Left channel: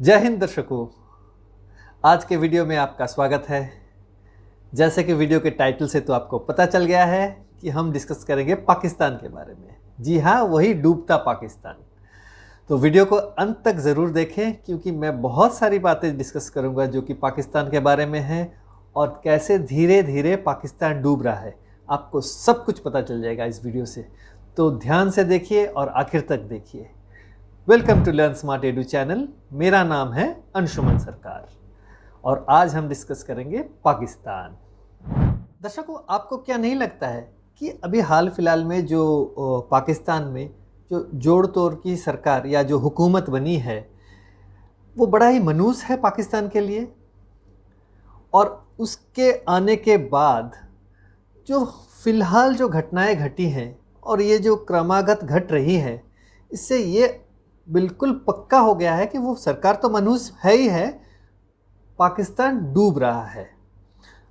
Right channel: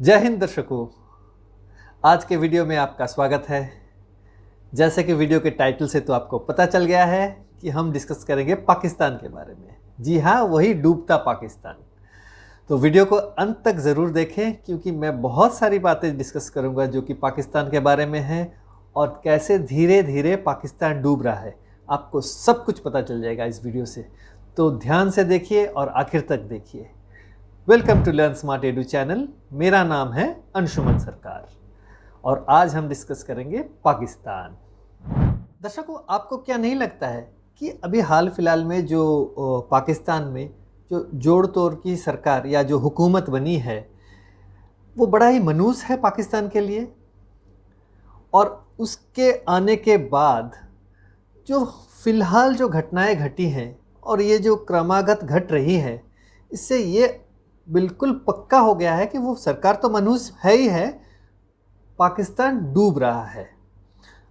जय हिंद दर्शकों। आज के वीडियो में आपका स्वागत है। जैसे कि वीडियो के टाइटल से तो आपको पता चल गया है कि हम डिस्कस करेंगे पाकिस्तान के बारे में। जी हाँ, वही डूबता पाकिस्तान। तो वीडियो को अंत तक ज़रूर देखें क्योंकि मैं बहुत सारी बातें डिस्कस करूंगा जो कि पाकिस्तान के बारे में हैं और कैसे धीरे धीरे पाकिस्तान डूब रहा है। आपको सब कुछ पता चल जाएगा इस वीडियो से, तो ध्यान से देखिए और आखिर तक देखिए। Welcome to Learn Smart Edu channel. मेरा नाम है अंशुमन सरकार और आज हम डिस्कस करेंगे पाकिस्तान। दर्शकों, आपको क्या नहीं लगता है कि अभी हाल फिलहाल में जो पाकिस्तान में जो जोड़ तोड़ की सरकार या जो हुकूमत बनी है वो बड़ा ही मनूस है पाकिस्तान के लिए। और उसके आने के बाद जो फिलहाल जो घटनाएं घटी हैं और ये जो क्रमागत घट रही है, इससे ये बिल्कुल पक्का हो गया है कि वो सरकार तो मनूस है ही है, पाकिस्तान डूब रहा है।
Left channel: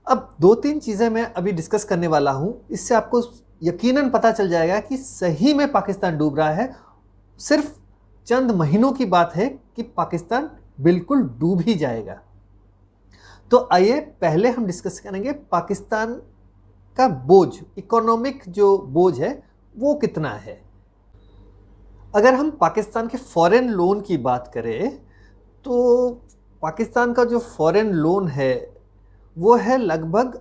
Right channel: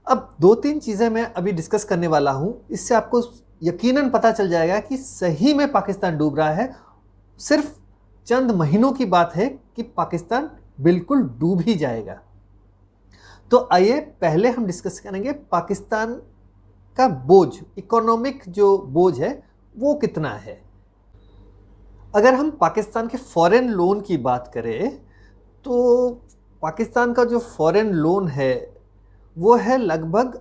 अब दो तीन चीज़ें मैं अभी डिस्कस करने वाला हूं, इससे आपको यकीनन पता चल जाएगा कि सही में पाकिस्तान डूब रहा है। सिर्फ चंद महीनों की बात है कि पाकिस्तान बिल्कुल डूब ही जाएगा। तो आइए पहले हम डिस्कस करेंगे पाकिस्तान का बोझ, इकोनॉमिक जो बोझ है वो कितना है। अगर हम पाकिस्तान के फॉरेन लोन की बात करें तो पाकिस्तान का जो फॉरेन लोन है वो है लगभग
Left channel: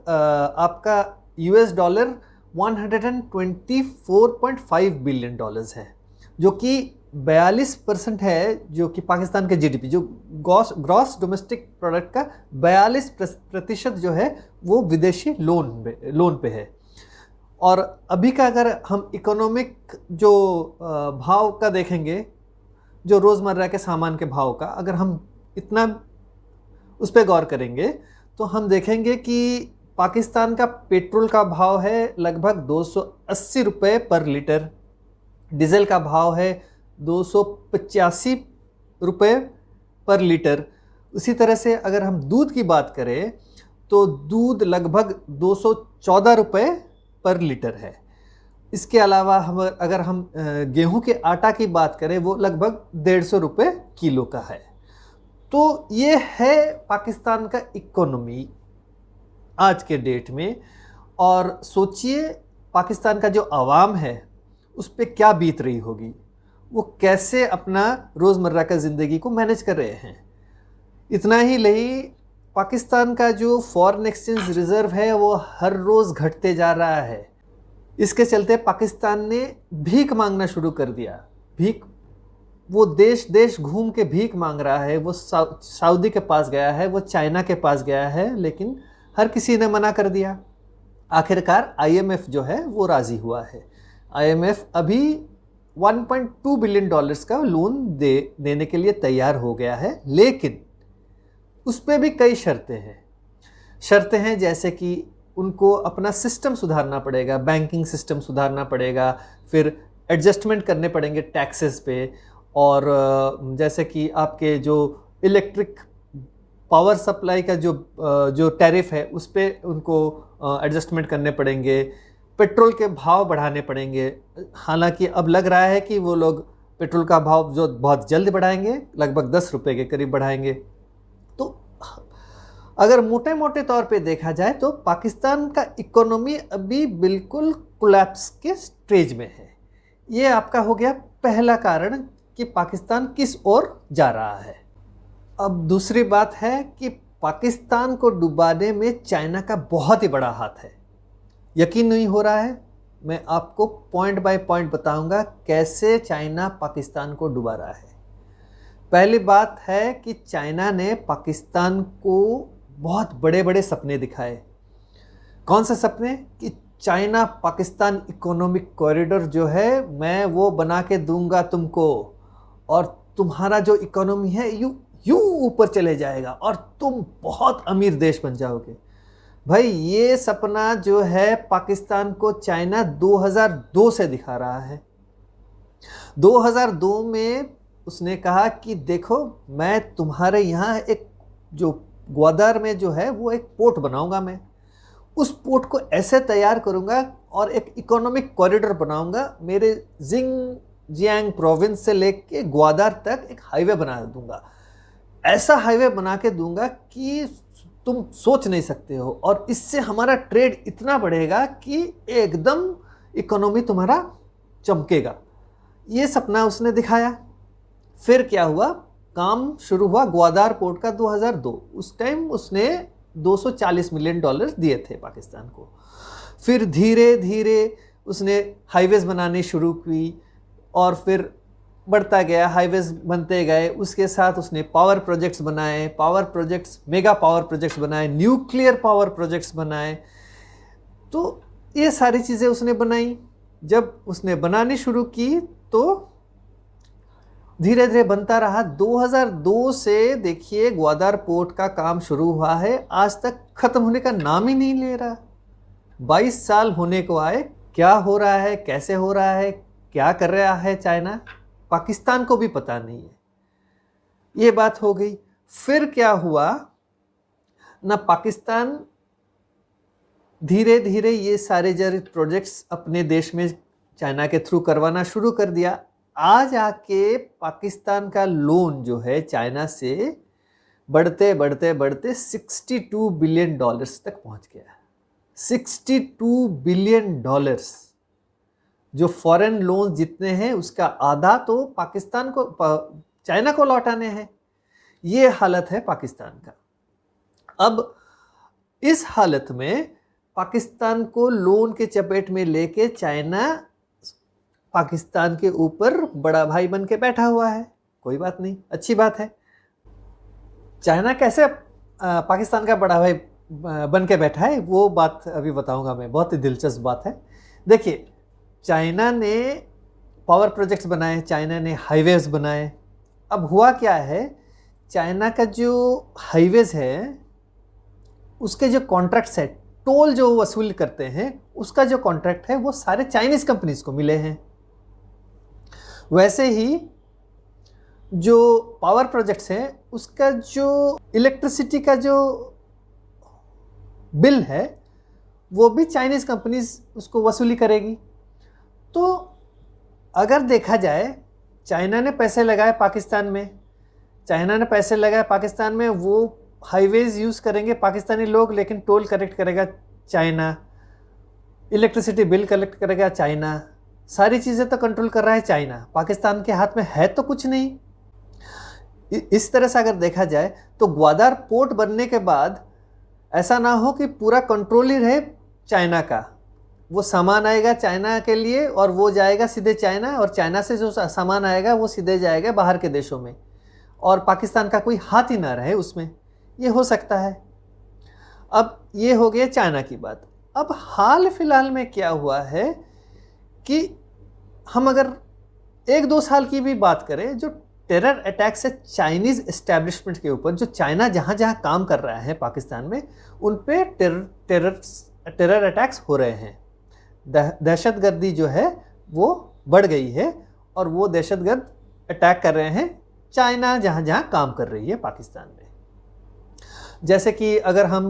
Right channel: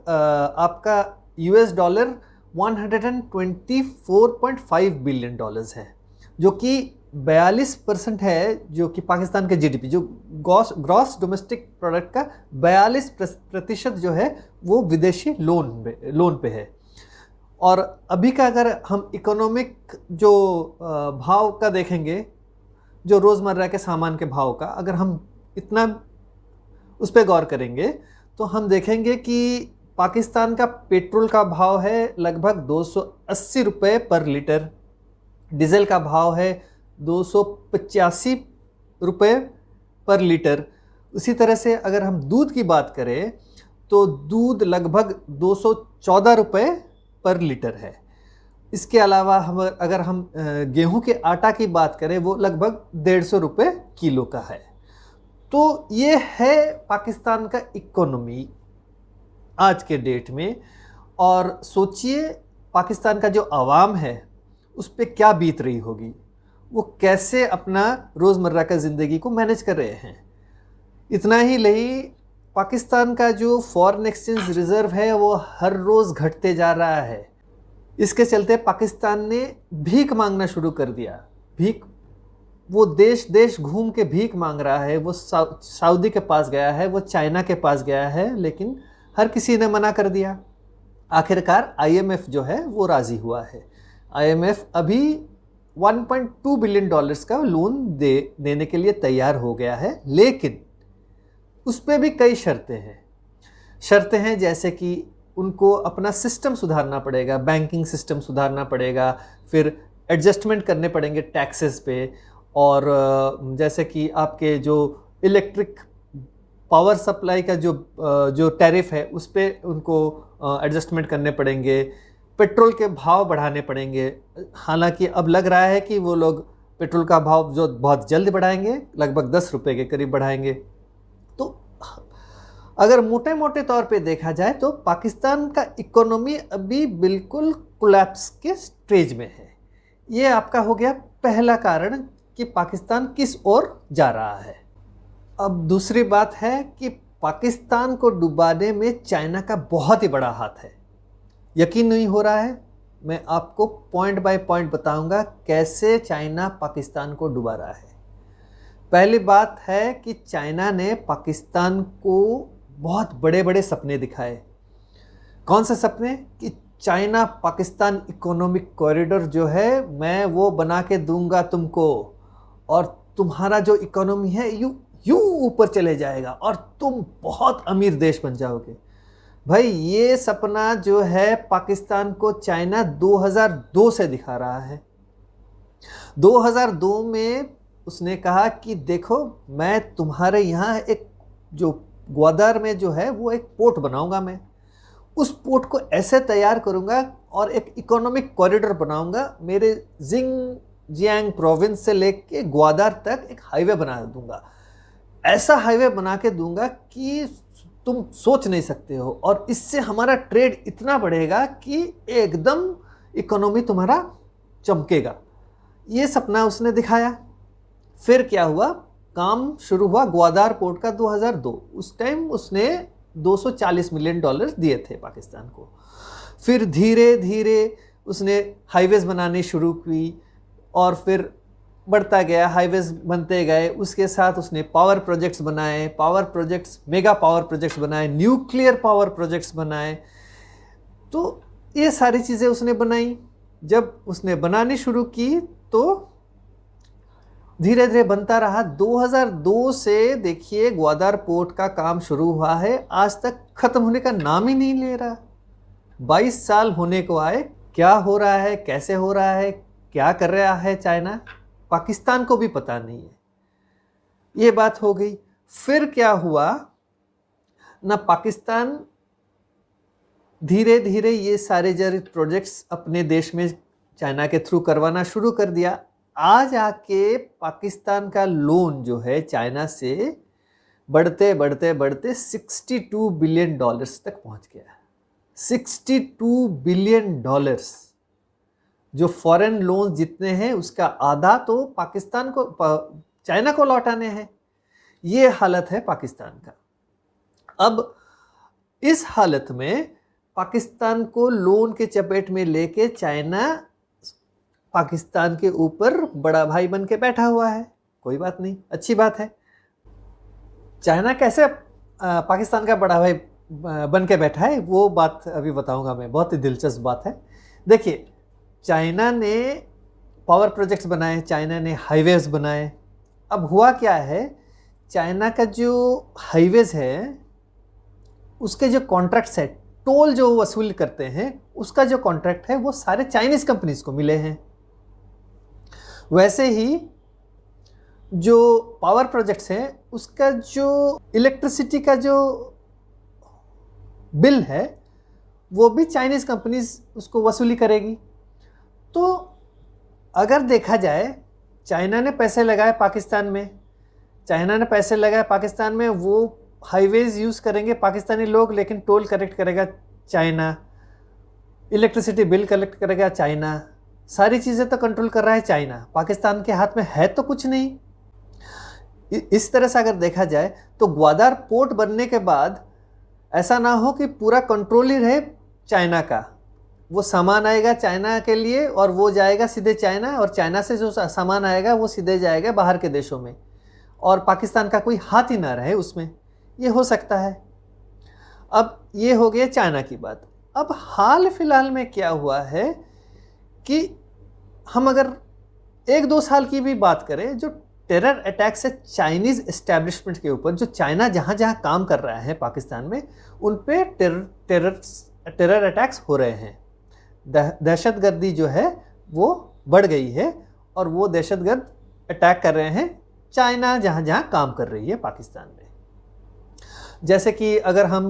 आपका यूएस डॉलर 124.5 बिलियन डॉलर्स है, जो कि 42% है, जो कि पाकिस्तान के जीडीपी जो ग्रॉस डोमेस्टिक प्रोडक्ट का 42% जो है वो विदेशी लोन पे है। और अभी का अगर हम इकोनॉमिक जो भाव का देखेंगे, जो रोज़मर्रा के सामान के भाव का अगर हम इतना उस पर गौर करेंगे तो हम देखेंगे कि पाकिस्तान का पेट्रोल का भाव है लगभग 280 रुपये पर लीटर, डीजल का भाव है 285 रुपये पर लीटर। उसी तरह से अगर हम दूध की बात करें तो दूध लगभग 214 रुपये पर लीटर है। इसके अलावा अगर हम गेहूं के आटा की बात करें वो लगभग 150 रुपये किलो का है। तो ये है पाकिस्तान का इकोनॉमी आज के डेट में। और सोचिए पाकिस्तान का जो आवाम है उस पर क्या बीत रही होगी, वो कैसे अपना रोज़मर्रा का ज़िंदगी को मैनेज कर रहे हैं। इतना ही नहीं, पाकिस्तान का जो फॉरेन एक्सचेंज रिजर्व है वो हर रोज़ घटते जा रहा है। इसके चलते पाकिस्तान ने भीख मांगना शुरू कर दिया। भीख, वो देश देश घूम के भीख मांग रहा है। वो सऊदी के पास गया है, वो चाइना के पास गया है, लेकिन हर किसी ने मना कर दिया। आखिरकार आईएमएफ जो है वो राजी हुआ है। आईएमएफ अभी 1.2 बिलियन डॉलर्स का लोन देने के लिए तैयार हो गया है, लेकिन उस पर भी कई शर्तें हैं जैसे कि उनको अपना सिस्टम सुधारना पड़ेगा, बैंकिंग सिस्टम सुधारना पड़ेगा, फिर एडजस्टमेंट करने पड़ेंगे टैक्सेस पे, और जैसे कि आपके जो इलेक्ट्रिक पावर सप्लाई का जो टैरिफ है उस पर उनको एडजस्टमेंट करने पड़ेंगे। पेट्रोल के भाव बढ़ाने पड़ेंगे। हालांकि अब लग रहा है कि वो लोग पेट्रोल का भाव जो बहुत जल्द बढ़ाएंगे, लगभग 10 रुपये के करीब बढ़ाएंगे। तो अगर मोटे मोटे तौर पे देखा जाए तो पाकिस्तान का इकोनॉमी अभी बिल्कुल कोलैप्स के स्टेज में है। ये आपका हो गया पहला कारण कि पाकिस्तान किस ओर जा रहा है। अब दूसरी बात है कि पाकिस्तान को डुबाने में चाइना का बहुत ही बड़ा हाथ है। यकीन नहीं हो रहा है, मैं आपको पॉइंट बाय पॉइंट बताऊंगा कैसे चाइना पाकिस्तान को डुबा रहा है। पहली बात है कि चाइना ने पाकिस्तान को बहुत बड़े बड़े सपने दिखाए। कौन से सपने? कि चाइना पाकिस्तान इकोनॉमिक कॉरिडोर जो है मैं वो बना के दूंगा तुमको, और तुम्हारा जो इकोनॉमी है यूं यूं ऊपर चले जाएगा और तुम बहुत अमीर देश बन जाओगे। भाई, ये सपना जो है पाकिस्तान को चाइना 2002 से दिखा रहा है। 2002 में उसने कहा कि देखो, मैं तुम्हारे यहाँ एक जो ग्वादर में जो है वो एक पोर्ट बनाऊंगा। मैं उस पोर्ट को ऐसे तैयार करूंगा और एक इकोनॉमिक कॉरिडोर बनाऊंगा। मेरे जिंग जियांग प्रोविंस से लेके ग्वादर तक एक हाईवे बना दूंगा। ऐसा हाईवे बना के दूंगा कि तुम सोच नहीं सकते हो, और इससे हमारा ट्रेड इतना बढ़ेगा कि एकदम इकोनॉमी तुम्हारा चमकेगा। ये सपना उसने दिखाया। फिर क्या हुआ, काम शुरू हुआ ग्वादार पोर्ट का 2002। उस टाइम उसने 240 मिलियन डॉलर दिए थे पाकिस्तान को। फिर धीरे धीरे उसने हाईवेज बनानी शुरू की, और फिर बढ़ता गया, हाईवेज बनते गए। उसके साथ उसने पावर प्रोजेक्ट्स बनाए, power projects, mega power projects बनाए, न्यूक्लियर पावर प्रोजेक्ट्स बनाए। तो ये सारी चीज़ें उसने बनाई। जब उसने बनानी शुरू की तो धीरे धीरे बनता रहा। 2002 से देखिए ग्वादार पोर्ट का काम शुरू हुआ है, आज तक खत्म होने का नाम ही नहीं ले रहा। 22 साल होने को आए। क्या हो रहा है, कैसे हो रहा है, क्या कर रहा है चाइना, पाकिस्तान को भी पता नहीं है। ये बात हो गई। फिर क्या हुआ ना, पाकिस्तान धीरे धीरे ये सारे जर प्रोजेक्ट्स अपने देश में चाइना के थ्रू करवाना शुरू कर दिया। आज आके पाकिस्तान का लोन जो है चाइना से बढ़ते बढ़ते बढ़ते 62 बिलियन डॉलर्स तक पहुंच गया। 62 बिलियन डॉलर्स, जो फॉरेन लोन जितने हैं उसका आधा तो पाकिस्तान को, चाइना को लौटाने हैं। ये हालत है पाकिस्तान का। अब इस हालत में पाकिस्तान को लोन के चपेट में लेके चाइना पाकिस्तान के ऊपर बड़ा भाई बन के बैठा हुआ है। कोई बात नहीं, अच्छी बात है। चाइना कैसे पाकिस्तान का बड़ा भाई बन के बैठा है वो बात अभी बताऊंगा मैं, बहुत ही दिलचस्प बात है। देखिए, चाइना ने पावर प्रोजेक्ट्स बनाए, चाइना ने हाईवेज बनाए। अब हुआ क्या है, चाइना का जो हाईवेज है उसके जो कॉन्ट्रैक्ट्स है, टोल जो वसूल करते हैं, उसका जो कॉन्ट्रैक्ट है वो सारे चाइनीज कंपनीज को मिले हैं। वैसे ही जो पावर प्रोजेक्ट्स हैं उसका जो इलेक्ट्रिसिटी का जो बिल है वो भी चाइनीज कंपनीज उसको वसूली करेगी। तो अगर देखा जाए, चाइना ने पैसे लगाए पाकिस्तान में, चाइना ने पैसे लगाए पाकिस्तान में, वो हाईवेज यूज़ करेंगे पाकिस्तानी लोग, लेकिन टोल कलेक्ट करेगा चाइना, इलेक्ट्रिसिटी बिल कलेक्ट करेगा चाइना, सारी चीज़ें तो कंट्रोल कर रहा है चाइना। पाकिस्तान के हाथ में है तो कुछ नहीं। इस तरह से अगर देखा जाए तो ग्वादार पोर्ट बनने के बाद ऐसा ना हो कि पूरा कंट्रोल ही रहे चाइना का। वो सामान आएगा चाइना के लिए और वो जाएगा सीधे चाइना, और चाइना से जो सामान आएगा वो सीधे जाएगा बाहर के देशों में, और पाकिस्तान का कोई हाथ ही ना रहे उसमें। ये हो सकता है। अब ये हो गया चाइना की बात। अब हाल फिलहाल में क्या हुआ है कि हम अगर 1-2 साल की भी बात करें, जो टेरर अटैक्स है चाइनीज़ एस्टेब्लिशमेंट के ऊपर, जो चाइना जहाँ जहाँ काम कर रहा है पाकिस्तान में, उन पे टेरर अटैक्स हो रहे हैं। दहशतगर्दी जो है वो बढ़ गई है, और वो दहशतगर्द अटैक कर रहे हैं चाइना जहाँ जहाँ काम कर रही है पाकिस्तान में। जैसे कि अगर हम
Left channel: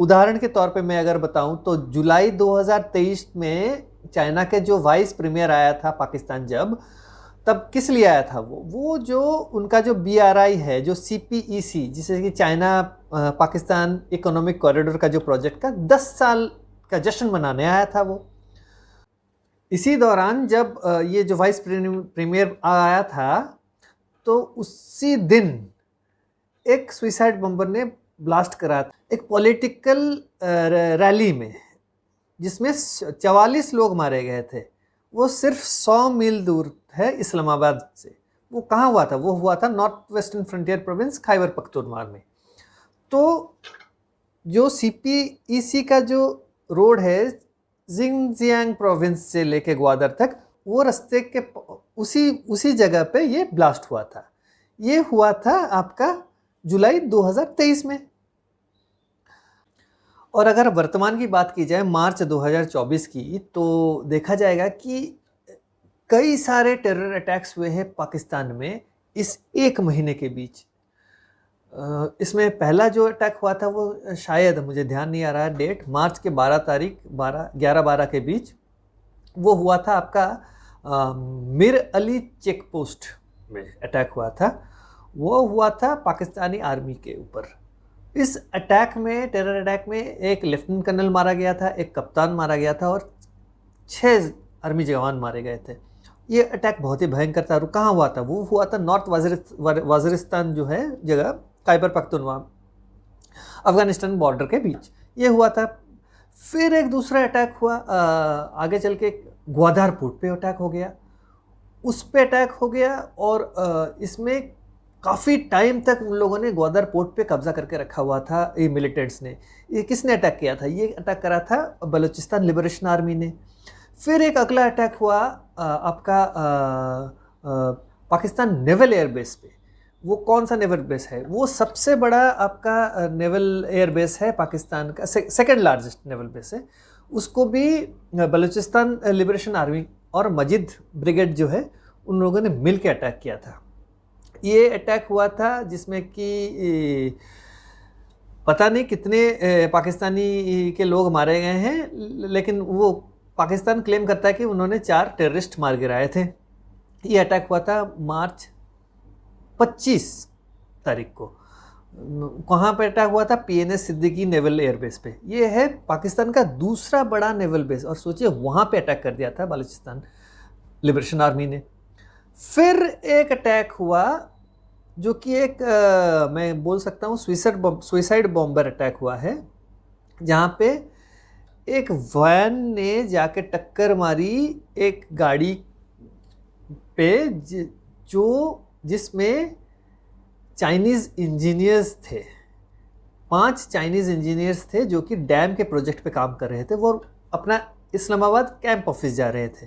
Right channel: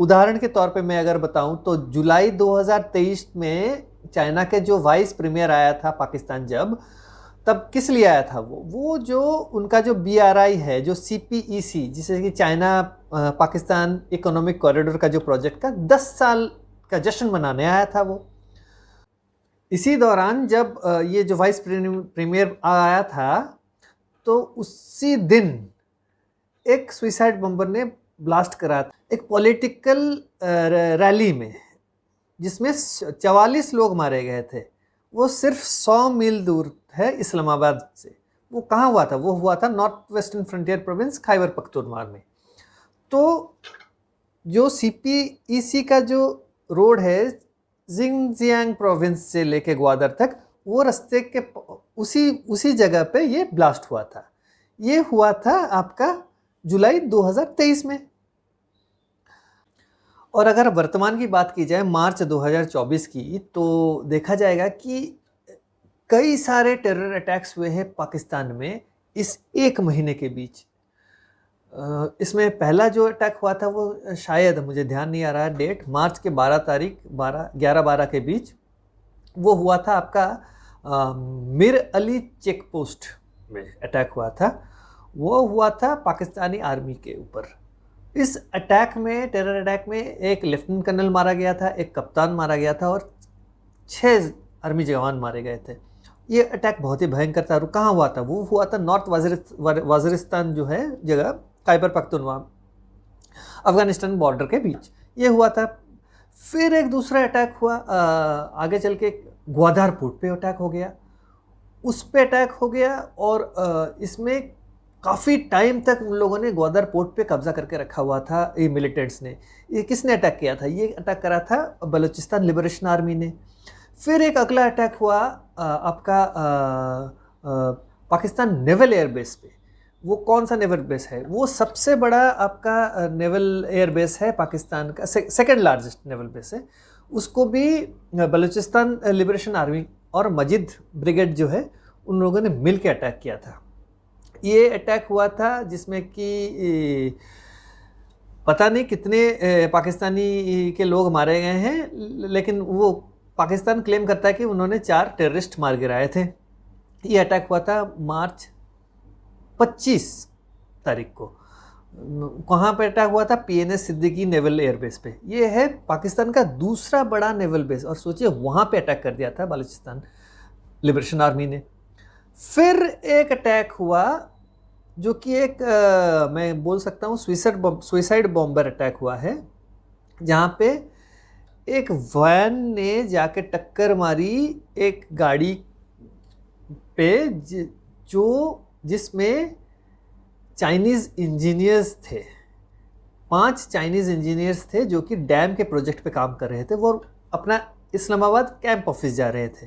उदाहरण के तौर पे मैं अगर बताऊं तो जुलाई 2023 में चाइना के जो वाइस प्रीमियर आया था पाकिस्तान, जब तब किस लिए आया था वो जो उनका जो BRI है, जो CPEC, जिसे कि चाइना पाकिस्तान इकोनॉमिक कॉरिडोर का जो प्रोजेक्ट का 10 साल का जश्न मनाने आया था वो। इसी दौरान जब ये जो वाइस प्रीमियर आया था तो उसी दिन एक सुसाइड बम्बर ने ब्लास्ट करा एक पॉलिटिकल रैली में, जिसमें 44 लोग मारे गए थे। वो सिर्फ 100 मील दूर है इस्लामाबाद से। वो कहाँ हुआ था? वो हुआ था north western frontier province Khyber Pakhtunkhwa में। तो जो CPEC का जो रोड है जिंगजियांग प्रोविंस से लेके ग्वादर तक, वो रास्ते के उसी जगह पे ये ब्लास्ट हुआ था। ये हुआ था आपका जुलाई 2023 में। और अगर वर्तमान की बात की जाए मार्च 2024 की, तो देखा जाएगा कि कई सारे टेरर अटैक्स हुए हैं पाकिस्तान में इस एक महीने के बीच। इसमें पहला जो अटैक हुआ था वो शायद, मुझे ध्यान नहीं आ रहा डेट, मार्च के 12 तारीख 11-12 के बीच वो हुआ था आपका मीर अली चेक पोस्ट में अटैक हुआ था। वो हुआ था पाकिस्तानी आर्मी के ऊपर। इस अटैक में, टेरर अटैक में, एक लेफ्टिनेंट कर्नल मारा गया था, एक कप्तान मारा गया था और 6 आर्मी जवान मारे गए थे। ये अटैक बहुत ही भयंकर था। कहाँ हुआ था? वो हुआ था नॉर्थ वजीरिस्तान जो है जगह, खैबर पख्तूनख्वा, अफगानिस्तान बॉर्डर के बीच ये हुआ था। फिर एक दूसरा अटैक हुआ आगे चल के, ग्वादर पोर्ट पे अटैक हो गया, उस पे अटैक हो गया और इसमें काफ़ी टाइम तक उन लोगों ने ग्वादर पोर्ट पे कब्जा करके रखा हुआ था ये मिलिटेंट्स ने। ये किसने अटैक किया था? ये अटैक करा था बलूचिस्तान लिबरेशन आर्मी ने। फिर एक अगला अटैक हुआ आपका पाकिस्तान नेवल एयरबेस पे। वो कौन सा नेवल बेस है? वो सबसे बड़ा आपका नेवल एयरबेस है पाकिस्तान का, सेकेंड लार्जेस्ट नेवल बेस है। उसको भी बलूचिस्तान लिबरेशन आर्मी और मजिद ब्रिगेड जो है उन लोगों ने मिल के अटैक किया था। ये अटैक हुआ था जिसमें कि पता नहीं कितने पाकिस्तानी के लोग मारे गए हैं, लेकिन वो पाकिस्तान क्लेम करता है कि उन्होंने 4 टेररिस्ट मार गिराए थे। ये अटैक हुआ था मार्च 25 तारीख को। कहाँ पे अटैक हुआ था? PNS सिद्दीकी नेवल एयरबेस पे। ये है पाकिस्तान का दूसरा बड़ा नेवल बेस और सोचिए वहाँ पे अटैक कर दिया था बलूचिस्तान लिबरेशन आर्मी ने। फिर एक अटैक हुआ जो कि एक मैं बोल सकता हूँ सुइसाइड बॉम्बर अटैक हुआ है, जहाँ पे एक वैन ने जाके टक्कर मारी एक गाड़ी पे जिसमें चाइनीज इंजीनियर्स थे। 5 चाइनीज इंजीनियर्स थे जो कि डैम के प्रोजेक्ट पे काम कर रहे थे। वो अपना इस्लामाबाद कैंप ऑफिस जा रहे थे।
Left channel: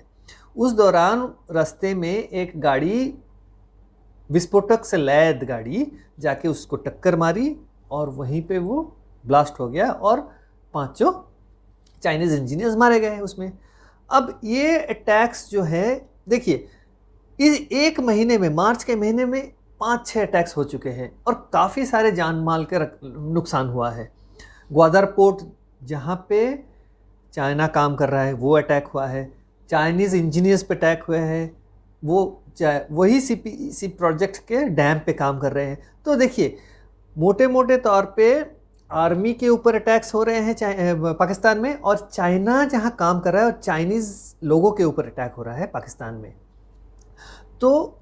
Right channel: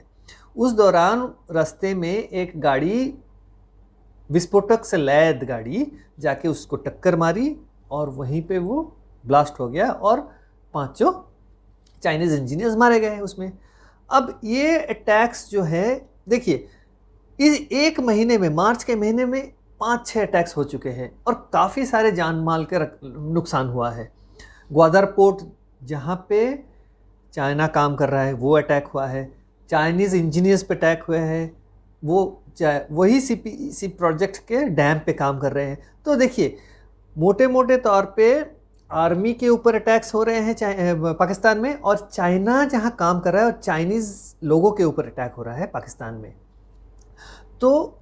उस दौरान रास्ते में एक गाड़ी, विस्फोटक से लैद गाड़ी, जाके उसको टक्कर मारी और वहीं पे वो ब्लास्ट हो गया और 5 चाइनीज इंजीनियर्स मारे गए उसमें। अब ये अटैक्स जो है, देखिए एक महीने में, मार्च के महीने में 5-6 अटैक्स हो चुके हैं और काफ़ी सारे जान माल के नुकसान हुआ है। ग्वादर पोर्ट जहाँ पे चाइना काम कर रहा है वो अटैक हुआ है, चाइनीज़ इंजीनियर्स पे अटैक हुए हैं, वो वही CPEC प्रोजेक्ट के डैम पे काम कर रहे हैं। तो देखिए मोटे मोटे तौर पे आर्मी के ऊपर अटैक्स हो रहे हैं पाकिस्तान में, और चाइना जहाँ काम कर रहा है और चाइनीज़ लोगों के ऊपर अटैक हो रहा है पाकिस्तान में। तो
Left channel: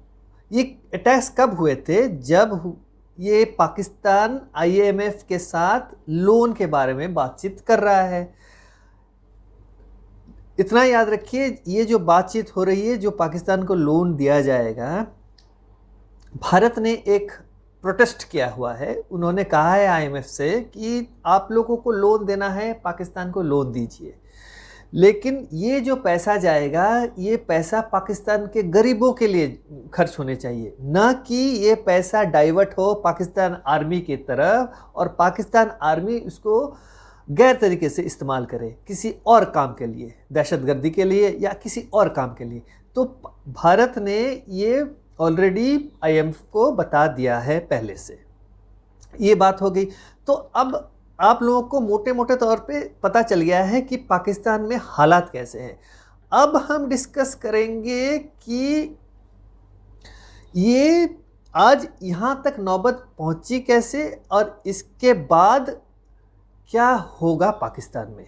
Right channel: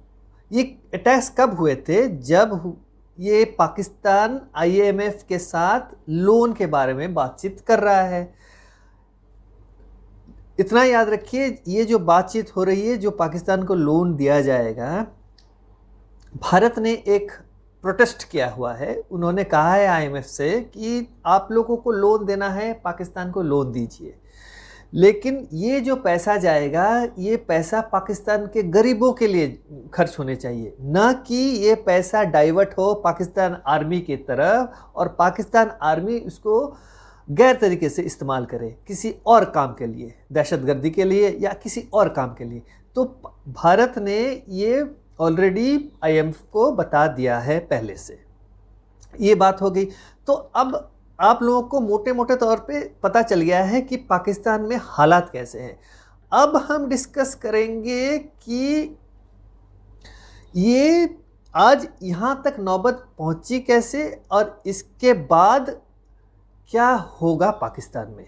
ये अटैक्स कब हुए थे? जब ये पाकिस्तान IMF के साथ लोन के बारे में बातचीत कर रहा है। इतना याद रखिए, ये जो बातचीत हो रही है, जो पाकिस्तान को लोन दिया जाएगा, भारत ने एक प्रोटेस्ट किया हुआ है। उन्होंने कहा है IMF से कि आप लोगों को लोन देना है, पाकिस्तान को लोन दीजिए, लेकिन ये जो पैसा जाएगा ये पैसा पाकिस्तान के गरीबों के लिए खर्च होने चाहिए, ना कि ये पैसा डाइवर्ट हो पाकिस्तान आर्मी की तरफ और पाकिस्तान आर्मी इसको गैर तरीके से इस्तेमाल करे किसी और काम के लिए, दहशतगर्दी के लिए या किसी और काम के लिए। तो भारत ने ये ऑलरेडी IMF को बता दिया है पहले से। ये बात हो गई। तो अब आप लोगों को मोटी मोटी तौर पे पता चल गया है कि पाकिस्तान में हालात कैसे हैं। अब हम डिस्कस करेंगे कि ये आज यहाँ तक नौबत पहुंची कैसे और इसके बाद क्या होगा पाकिस्तान में।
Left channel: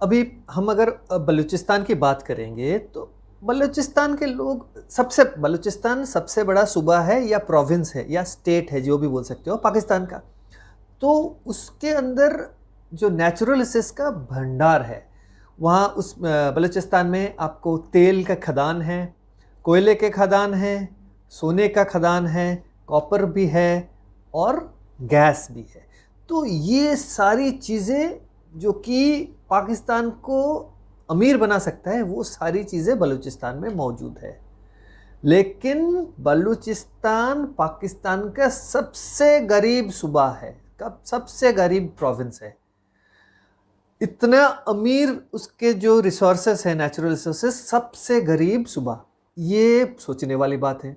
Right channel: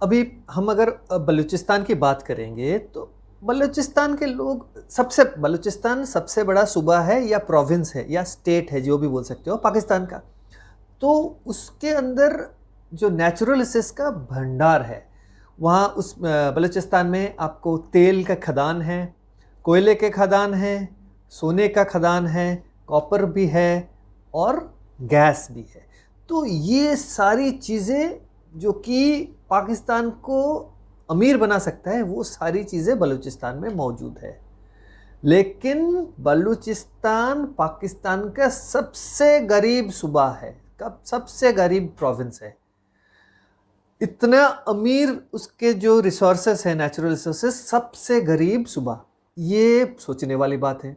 अभी हम अगर बलूचिस्तान की बात करेंगे तो बलूचिस्तान के लोग, बलूचिस्तान सबसे बड़ा सूबा है या प्रोविंस है या स्टेट है, जो भी बोल सकते हो, पाकिस्तान का। तो उसके अंदर जो नेचुरल रिसोर्स का भंडार है, वहाँ उस बलूचिस्तान में आपको तेल का खदान है, कोयले के खदान है, सोने का खदान है, कॉपर भी है और गैस भी है। तो ये सारी चीज़ें जो कि पाकिस्तान को अमीर बना सकता है, वो सारी चीज़ें बलूचिस्तान में मौजूद है। लेकिन बलूचिस्तान पाकिस्तान का सबसे गरीब सूबा है, सबसे गरीब प्रोविंस है। इतना अमीर उसके जो रिसोर्सेस है, नेचुरल रिसोर्सेस, सबसे गरीब सूबा, ये सोचने वाली बात है।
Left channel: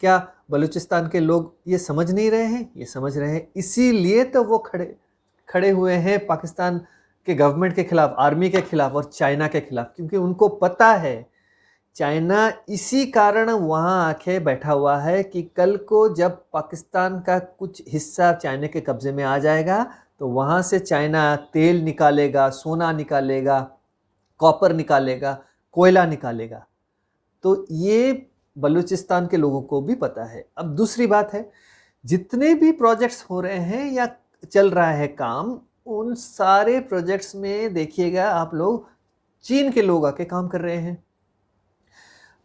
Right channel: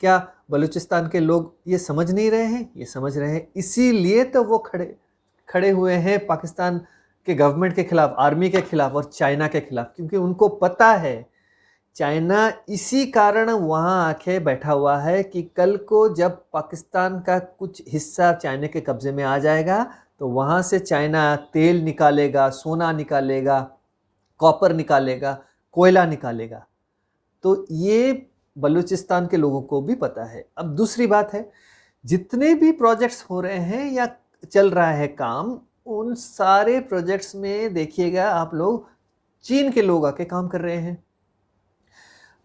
क्या बलूचिस्तान के लोग ये समझ नहीं रहे हैं? ये समझ रहे हैं, इसीलिए तो वो खड़े हुए हैं पाकिस्तान के गवर्नमेंट के खिलाफ, आर्मी के खिलाफ और चाइना के खिलाफ, क्योंकि उनको पता है चाइना इसी कारण वहाँ आके बैठा हुआ है कि कल को जब पाकिस्तान का कुछ हिस्सा चाइना के कब्जे में आ जाएगा तो वहाँ से चाइना तेल निकालेगा, सोना निकालेगा, कॉपर निकालेगा, कोयला निकालेगा। तो ये बलूचिस्तान के लोगों को भी पता है। अब दूसरी बात है, जितने भी प्रोजेक्ट्स हो रहे हैं या चल रहा है काम, उन सारे प्रोजेक्ट्स में देखिएगा आप लोग, चीन के लोग आके काम कर रहे हैं।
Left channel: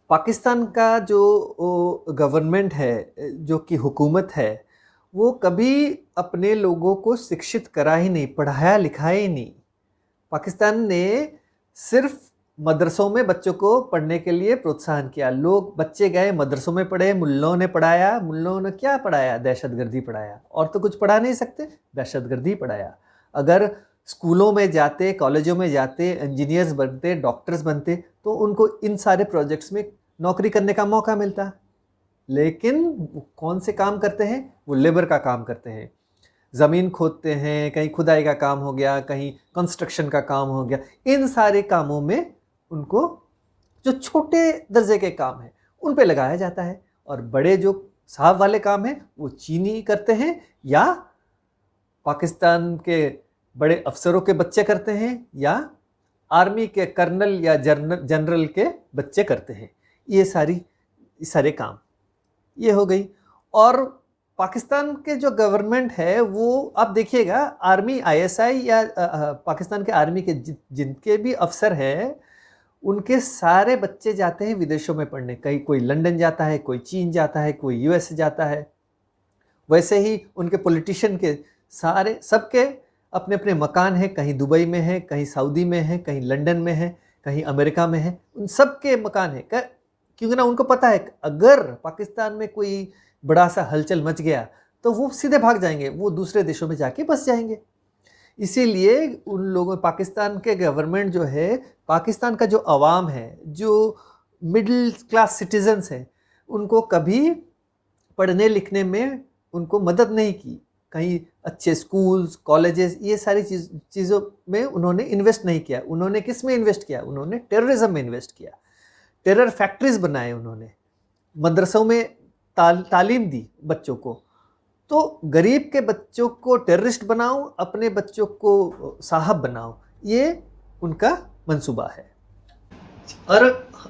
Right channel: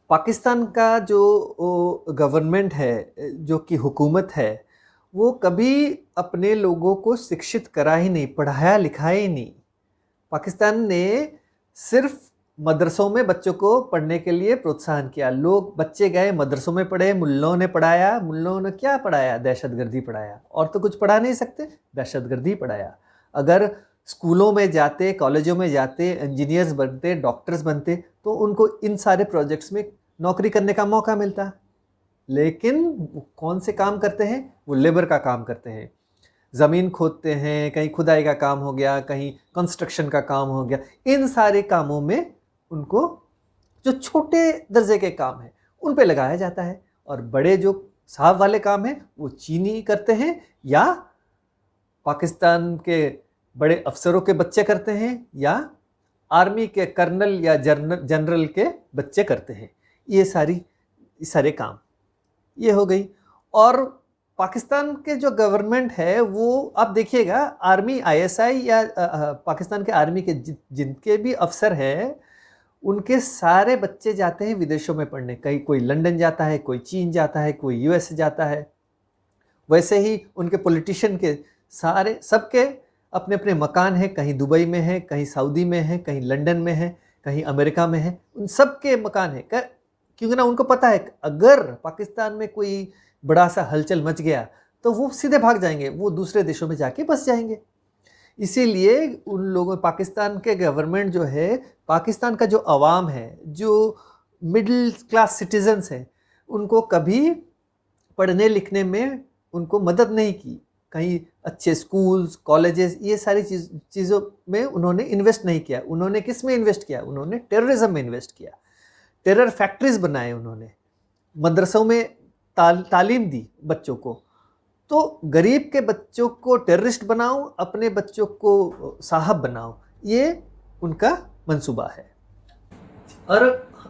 पाकिस्तान का जो गवर्नमेंट है, जो कि हुकूमत है, वो कभी अपने लोगों को शिक्षित करा ही नहीं, पढ़ाया लिखाया ही नहीं। पाकिस्तान ने सिर्फ मदरसों में बच्चों को पढ़ने के लिए प्रोत्साहन किया। लोग बच्चे गए मदरसों में पढ़े, मुल्लों ने पढ़ाया। मुल्लों ने क्या पढ़ाया? दहशतगर्दी पढ़ाया। और तो कुछ पढ़ा नहीं सकते, दहशतगर्दी पढ़ाया। अगर स्कूलों में जाते, कॉलेजों में जाते, इंजीनियर्स बनते, डॉक्टर्स बनते, तो उनको इन सारे प्रोजेक्ट्स में नौकरी करने का मौका मिलता। लेकिन कौन से काम करते हैं? वो लेबर का काम करते हैं, ज़मीन खोदते हैं, कहीं खुदाई का काम हो गया, कहीं कंस्ट्रक्शन का काम हो गया। इन सारे कामों में उनको जो छोटे दर्जे के काम हैं उन पे लगाया जाता है, और बड़े जो साहब वाले काम हैं वो चीनी करते हैं या पाकिस्तान के बड़े अफसरों के बच्चे करते हैं या आर्मी के कर्नल या जनरल के बच्चे करते हैं। ये सारे काम ये हो गई। और पाकिस्तान के जो गवर्नमेंट है वो आप देखिएगा, आर्मी आईएसआई या पाकिस्तान के आर्मी के जिनके भी अफसर हैं, उनके सारे बच्चे जाते हैं विदेशों में पढ़ने। कहीं कोई लंदन जाता है, कोई चीन जाता है, कोई यूएस जाता है। वैसे ही उनके पॉलिटिशियन के सारे सबके अपने अपने मकान हैं, कहीं दुबई में है, कहीं सऊदी में है, कहीं लंदन में है, कहीं अमेरिका में है। उन सब के मकान हैं, क्योंकि ना उनको पता है अगर पाकिस्तान में कोई बड़ा सा हलचल मच गया तो वो सीधे भाग जाएंगे, वो दूसरे देशों में जाके बस जाएंगे। इसीलिए उन लोगों, पाकिस्तान के गवर्नमेंट जो है, पाकिस्तान का जो अवाम है, जो मिडिल क्लास सिटीजन्स हैं, उनको कभी पढ़ने लिखने में उनको मदद नहीं की। कहीं अच्छे स्कूल्स, कॉलेजेस, ये सारी चीज़ों में उन्होंने इन्वेस्ट नहीं किया। उन्होंने किस में इन्वेस्ट किया? उन्होंने टेररिज्म में इन्वेस्ट किया। टेरर फैक्ट्रीज बनाए उन्होंने, मदरसों में तालीम दी बच्चों को। तो गरीब के बच्चों को टेररिस्ट बनाओ, अपने बच्चों को साहब बनाओ, ये उनका मंसूबा है। और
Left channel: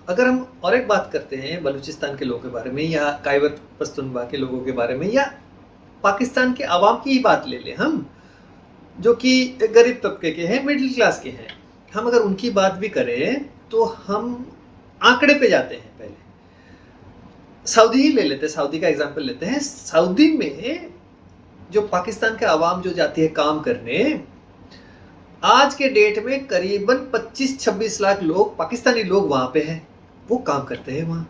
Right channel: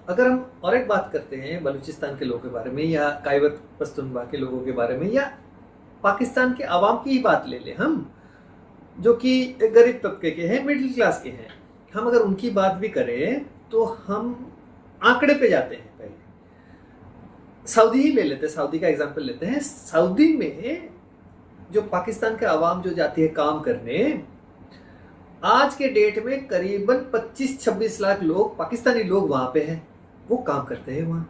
अगर हम और एक बात करते हैं बलूचिस्तान के लोगों के बारे में, या खैबर पख्तूनख्वा के लोगों के बारे में, या पाकिस्तान के अवाम की ही बात ले लें हम, जो कि गरीब तबके के हैं, मिडिल क्लास के हैं, हम अगर उनकी बात भी करें तो हम आंकड़े पे जाते हैं। पहले सऊदी ही ले लेते हैं, सऊदी का एग्जांपल लेते हैं। सऊदी में जो पाकिस्तान के अवाम जो जाती है काम करने, आज के डेट में करीबन 25-26 लाख लोग, पाकिस्तानी लोग वहां पे हैं। वो काम करते हैं, वहां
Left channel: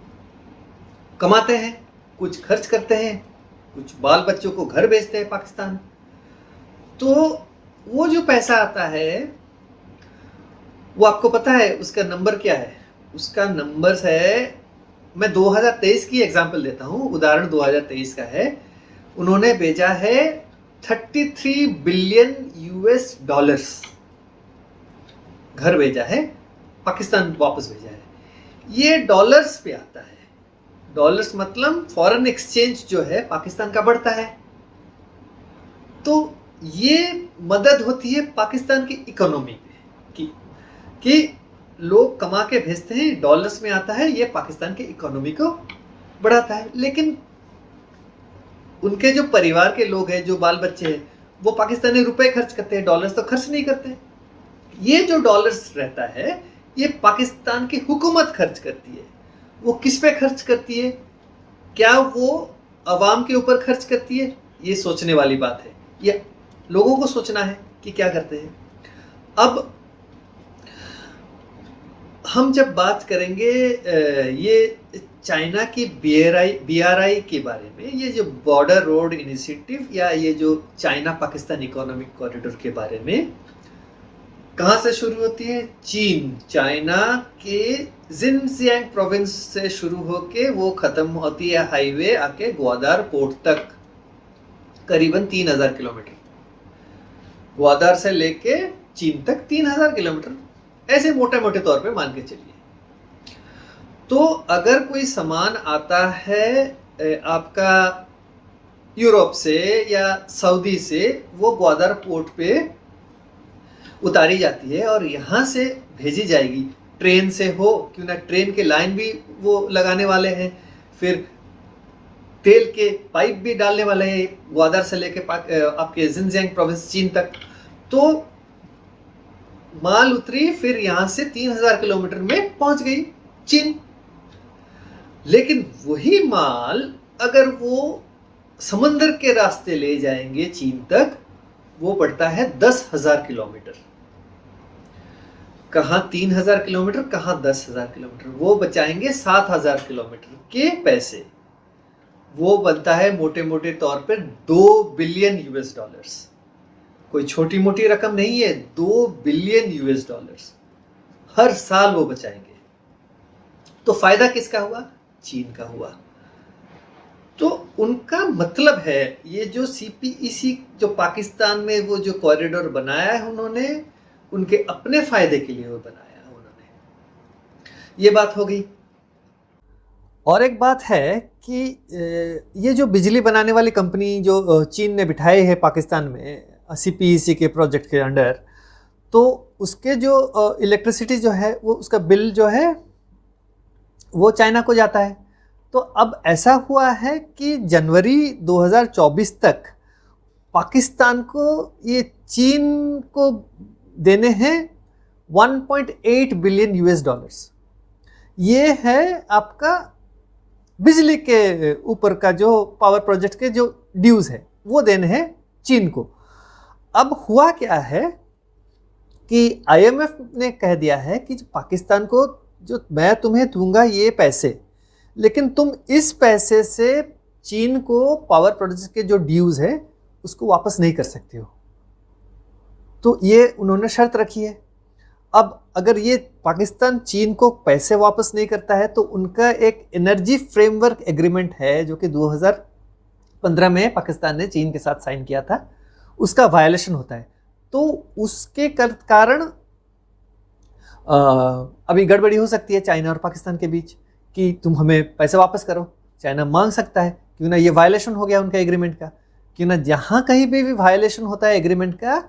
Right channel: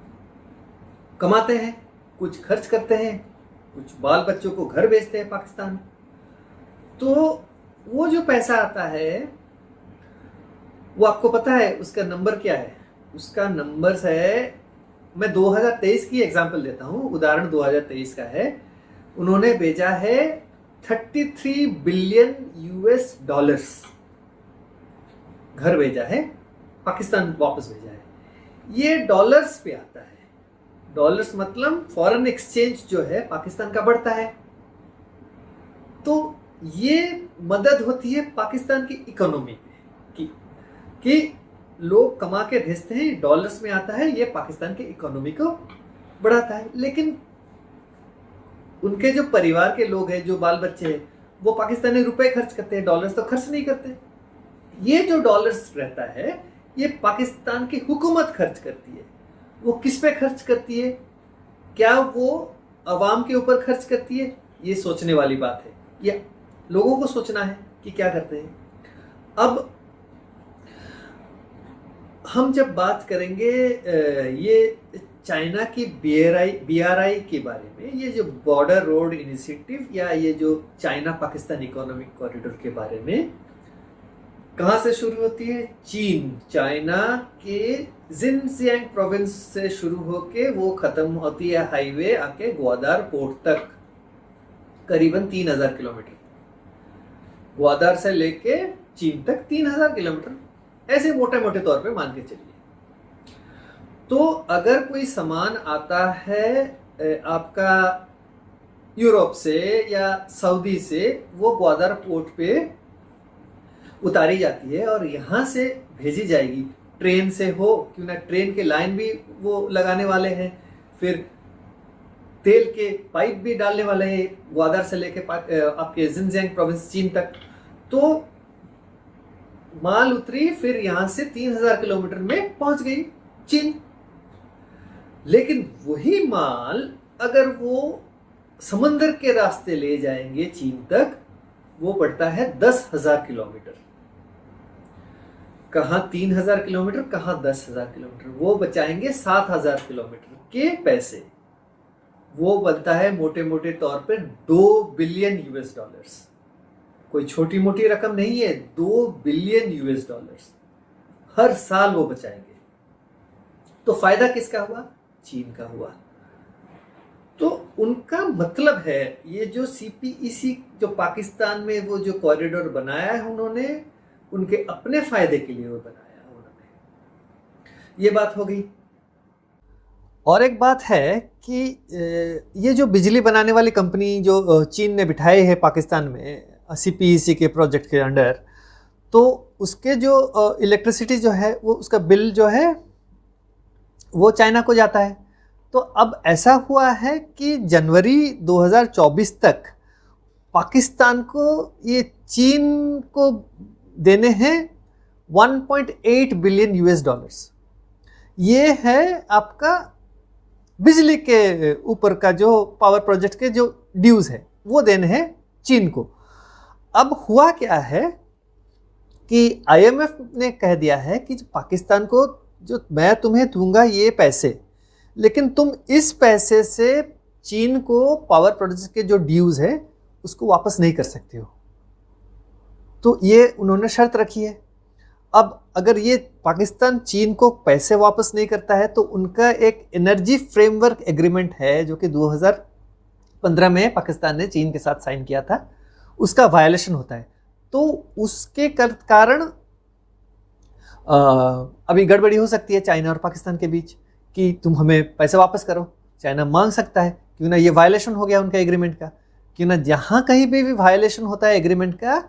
कमाते हैं, कुछ खर्च करते हैं, कुछ बाल बच्चों को घर भेजते हैं पाकिस्तान। तो वो जो पैसा आता है वो आपको पता है उसका नंबर क्या है? उसका नंबर है, मैं 2023 की एग्जांपल देता हूं, उदाहरण 2023 का है। उन्होंने भेजा है 33 बिलियन यूएस डॉलर्स घर भेजा है, पाकिस्तान वापस भेजा है। ये डॉलर्स पे आता है। डॉलर्स मतलब फॉरेन एक्सचेंज जो है पाकिस्तान का बढ़ता है। तो ये मदद होती है पाकिस्तान की इकोनॉमी में कि लोग कमा के भेजते हैं, डॉलर्स में आता है, ये पाकिस्तान की इकोनॉमी को बढ़ाता है। लेकिन उनके जो परिवार के लोग हैं, जो बाल बच्चे हैं, वो पाकिस्तानी रुपए खर्च करते हैं, डॉलर्स तो खर्च नहीं करते। ये जो डॉलर्स रहता है ये पाकिस्तान की हुकूमत खर्च करती है। वो किस पे खर्च करती है? क्या वो अवाम के ऊपर खर्च करती है? ये सोचने वाली बात है, ये लोगों को सोचना है कि क्या करते हैं। अब हम जब बात करेंगे ये चाइना की BRI के बारे में, ये जो बॉर्डर रोड इनिशिएटिव या ये जो चाइना पाकिस्तान इकोनॉमिक कॉरिडोर के बारे में, कहाँ से शुरू होती है? चीन, चाइना के जिनजियांग प्रोविंस से शुरू होके वो खत्म होती है हाईवे आके ग्वादर पोर्ट तक, करीबन 3000 किलोमीटर। ग्वादर से लेके चीन तक 3000 किलोमीटर, ऐसे मोटे मोटे तौर पे मान के चलिए। तो अगर कोई सामान आता है आपका यूरोप से या सऊदी से, वो ग्वादर पोर्ट पे उतारी जाती है और यहाँ से भेजी जाएगी। ट्रेन से हो, क्यों ना, ट्रेन के लाइन भी वो लगाने वाले हैं, फिर तेल के पाइप भी डालने वाले हैं ग्वादर से लेके आपके जिनजियांग प्रोविंस चीन तक। तो माल उतरी, फिर यहां से 3000 किलोमीटर में पहुंच गई चीन। लेकिन वही माल अगर वो समंदर के रास्ते ले जाएंगे चीन तक, वो पड़ता है 10,000 किलोमीटर। कहां 3000 किलोमीटर, कहां 10,000 किलोमीटर, वो बचाएंगे 7,000 किलोमीटर के पैसे। वो बनता है मोटे मोटे तौर पर 2 बिलियन यूएस डॉलर्स। कोई छोटी मोटी रकम नहीं है, 2 बिलियन यूएस डॉलर्स हर साल वो बचाएंगे। तो फायदा किसका हुआ? चीन का हुआ। तो उनका मतलब है, ये जो सीपीईसी जो पाकिस्तान में वो जो कॉरिडोर बनाया है उन्होंने, उनके अपने फायदे के लिए वो बनाया उन्होंने। ये बात हो गई। और एक बात है कि ये जो बिजली बनाने वाली कंपनी जो चीन ने बिठाई है पाकिस्तान में सीपीईसी के प्रोजेक्ट के अंडर, तो उसके जो इलेक्ट्रिसिटी जो है वो, उसका बिल जो है वो चाइना को जाता है। तो अब ऐसा हुआ है कि जनवरी 2024 तक पाकिस्तान को ये चीन को देने हैं 1.8 बिलियन यूएस डॉलर्स। ये है आपका बिजली के ऊपर का जो पावर प्रोजेक्ट के जो ड्यूज है वो देने हैं चीन को। अब हुआ क्या है कि आईएमएफ ने कह दिया है कि पाकिस्तान को जो मैं तुम्हें दूंगा ये पैसे, लेकिन तुम इस पैसे से चीन को पावर प्रोजेक्ट के जो ड्यूज है उसको वापस नहीं कर सकते हो। तो ये उन्होंने शर्त रखी है। अब अगर ये पाकिस्तान चीन को पैसे वापस नहीं करता है तो उनका एक एनर्जी फ्रेमवर्क एग्रीमेंट है जो कि 2015 में पाकिस्तान ने चीन के साथ साइन किया था, उसका वायलेशन होता है। तो उसके कारण अभी गड़बड़ी हो सकती है चाइना और पाकिस्तान के बीच कि तुम हमें पैसे वापस करो। चाइना मांग सकता है, क्यों ना, ये वायलेशन हो गया उनका एग्रीमेंट का। क्यों ना, जहां कहीं पे भी वायलेशन होता है एग्रीमेंट का,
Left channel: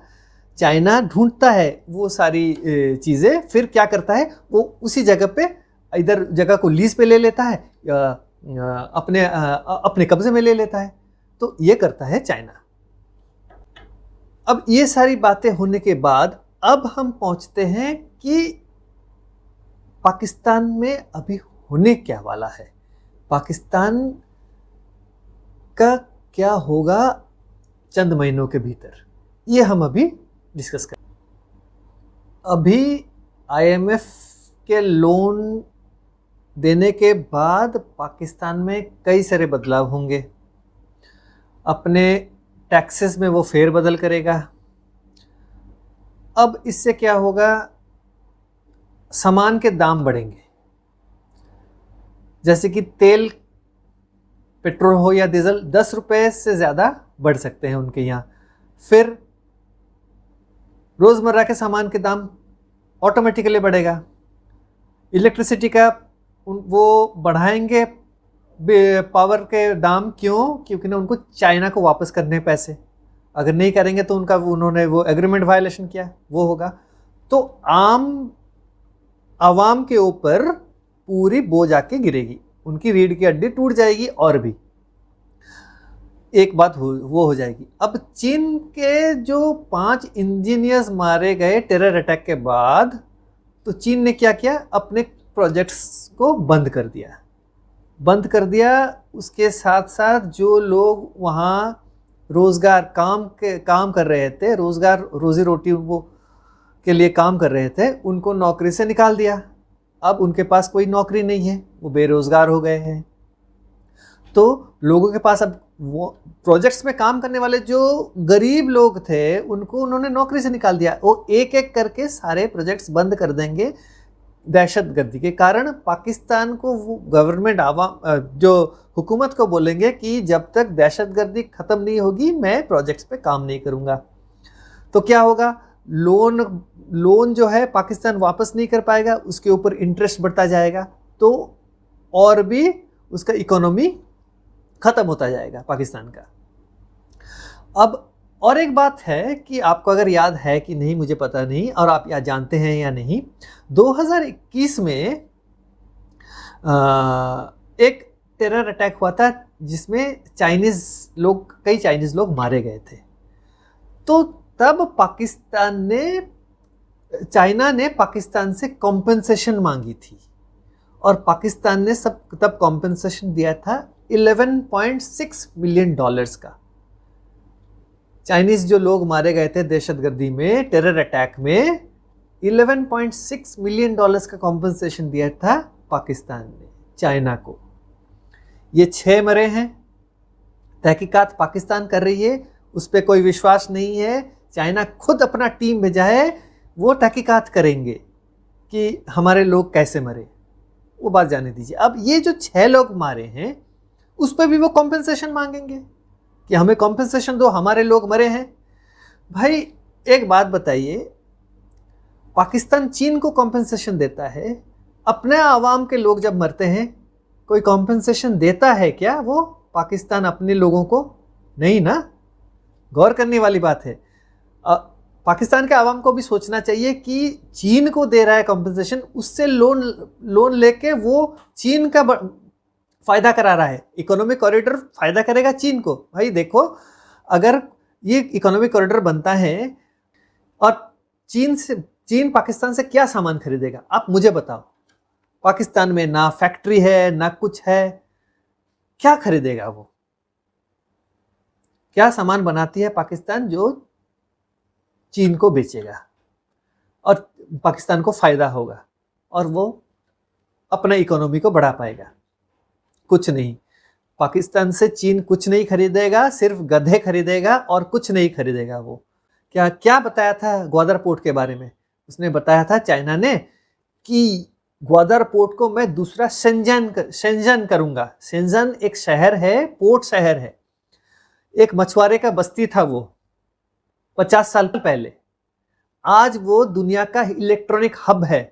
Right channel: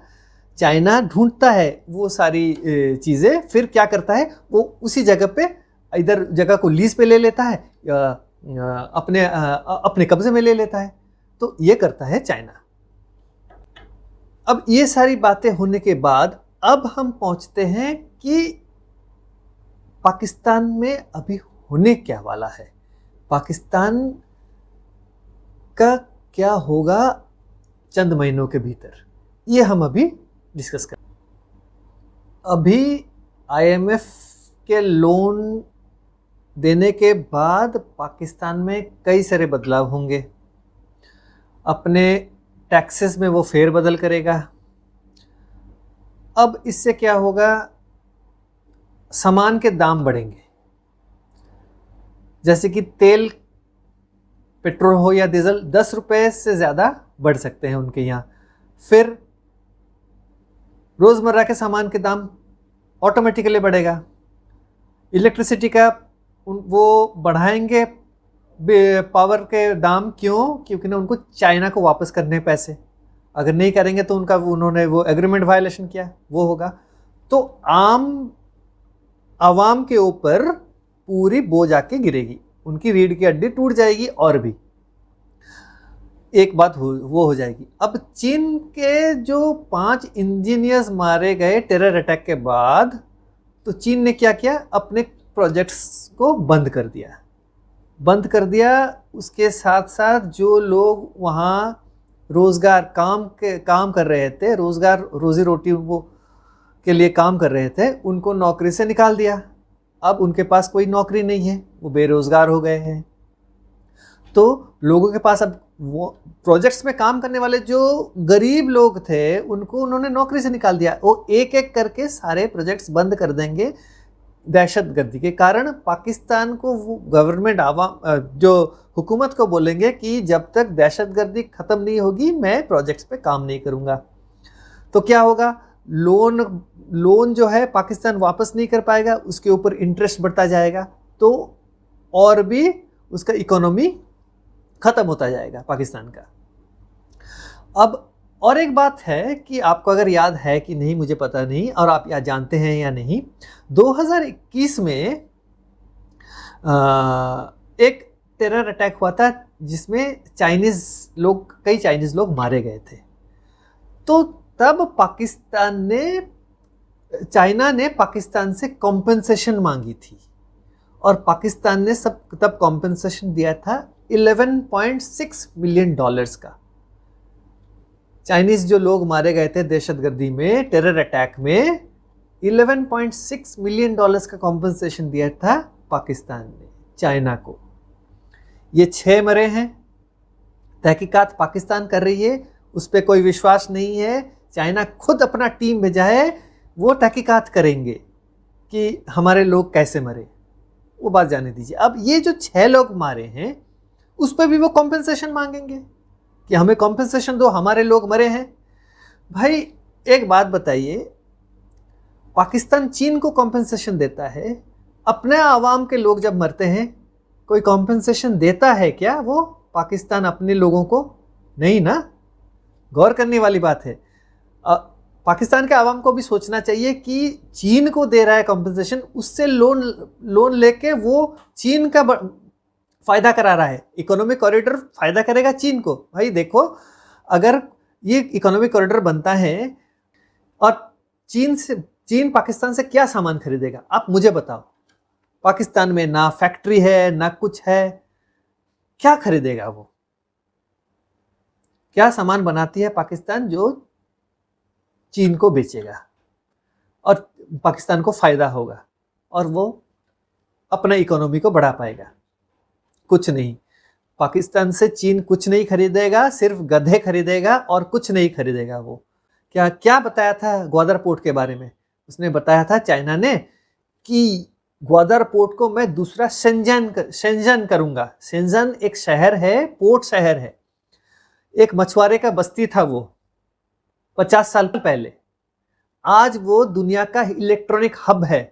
चाइना ढूंढता है वो सारी चीज़ें, फिर क्या करता है, वो उसी जगह पे इधर जगह को लीज पे ले लेता है या अपने कब्जे में ले लेता है। तो ये करता है चाइना। अब ये सारी बातें होने के बाद अब हम पहुंचते हैं कि पाकिस्तान में अभी होने क्या वाला है, पाकिस्तान का क्या होगा चंद महीनों के भीतर, ये हम अभी डिस्कस करें। अभी आईएमएफ के लोन देने के बाद पाकिस्तान में कई सारे बदलाव होंगे। अपने टैक्सेस में वो फेरबदल करेगा। अब इससे क्या होगा, सामान के दाम बढ़ेंगे। जैसे कि तेल, पेट्रोल हो या डीजल, 10 रुपए से ज़्यादा बढ़ सकते हैं उनके यहाँ। फिर रोज़मर्रा के सामान के दाम ऑटोमेटिकली बढ़ेगा। इलेक्ट्रिसिटी का वो बढ़ाएंगे पावर के दाम। क्यों? क्योंकि ना उनको चाइना को वापस करने पैसे, अगर नहीं करेंगे तो उनका उन्होंने वो एग्रीमेंट वायलेशन किया, वो होगा। तो आवाम के ऊपर पूरी बोझ आके गिरेगी, उनकी रीढ़ की हड्डी टूट जाएगी। और भी एक बात वो हो जाएगी। अब चीन के जो 5 इंजीनियर्स मारे गए टेरर अटैक के बाद, तो चीन ने क्या किया, अपने प्रोजेक्ट्स को बंद कर दिया। उसके साथ साथ जो लोग वहाँ रोजगार काम कर रहे थे, रोजगार रोजी रोटी वो के लिए काम कर रहे थे, उनको नौकरी से निकाल दिया। अब उनके पास कोई नौकरी नहीं है, वो बेरोजगार हो गए हैं। तो लोगों के पास अब प्रोजेक्ट्स में काम करने वाले जो गरीब लोग थे उनको उन्होंने नौकरी से निकाल दिया। वो एक एक करके सारे प्रोजेक्ट्स बंद कर देंगे। दहशतगर्दी के कारण पाकिस्तान को गवर्नमेंट जो हुकूमत को बोलेंगे कि जब तक दहशतगर्दी खत्म नहीं होगी मैं प्रोजेक्ट्स पे काम नहीं करूंगा। तो क्या होगा, लोन जो है पाकिस्तान वापस नहीं कर पाएगा, उसके ऊपर इंटरेस्ट बढ़ता जाएगा। तो और भी उसका इकोनॉमी खत्म होता जाएगा पाकिस्तान का। अब और एक बात है कि आपको अगर याद है कि नहीं मुझे पता नहीं, और आप या जानते हैं या नहीं, 2021 में एक टेरर अटैक हुआ था जिसमें कई चाइनीज लोग मारे गए थे। तो तब चाइना ने पाकिस्तान से कॉम्पेंसेशन मांगी थी, और पाकिस्तान ने तब कॉम्पेंसेशन दिया था $11.6 मिलियन का। चाइनीज जो लोग मारे गए थे दहशतगर्दी में, टेरर अटैक में, $11.6 मिलियन का कॉम्पेंसेशन दिया था पाकिस्तान ने चाइना को। ये 6 मरे हैं। तहकीकात पाकिस्तान कर रही है, उस पर कोई विश्वास नहीं है। चाइना खुद अपना टीम भेजा है, वो तहकीकात करेंगे कि हमारे लोग कैसे मरे, वो बात जाने दीजिए। अब ये जो 6 लोग मारे हैं उस पर भी वो कॉम्पेंसेशन मांगेंगे कि हमें कॉम्पेंसेशन दो, हमारे लोग मरे हैं। भाई एक बात बताइए, पाकिस्तान चीन को कॉम्पेंसेशन देता है, अपने आवाम के लोग जब मरते हैं कोई कॉम्पेंसेशन देता है क्या वो पाकिस्तान अपने लोगों को? नहीं ना। गौर करने वाली बात है। पाकिस्तान के आवाम को भी सोचना चाहिए कि चीन को दे रहा है कॉम्पेंसेशन, उससे लोन लेके वो चीन का फायदा करा रहा है। इकोनॉमिक कॉरिडोर फायदा करेगा चीन को। भाई देखो, अगर ये इकोनॉमिक कॉरिडोर बनता है और चीन पाकिस्तान से क्या सामान खरीदेगा, आप मुझे बताओ। पाकिस्तान में ना फैक्ट्री है ना कुछ है, क्या खरीदेगा वो? क्या सामान बनाती है पाकिस्तान जो चीन को बेचेगा और पाकिस्तान को फायदा होगा और वो अपना इकोनॉमी को बढ़ा पाएगा? कुछ नहीं। पाकिस्तान से चीन कुछ नहीं खरीदेगा, सिर्फ गधे खरीदेगा और कुछ नहीं खरीदेगा। वो क्या बताया था ग्वादर पोर्ट के बारे में? उसने बताया था चाइना ने कि ग्वादर पोर्ट को मैं दूसरा शेंजन करूंगा। शेंजन एक शहर है, पोर्ट शहर है, एक मछुआरे का बस्ती था वो 50 साल पहले। आज वो दुनिया का इलेक्ट्रॉनिक हब है।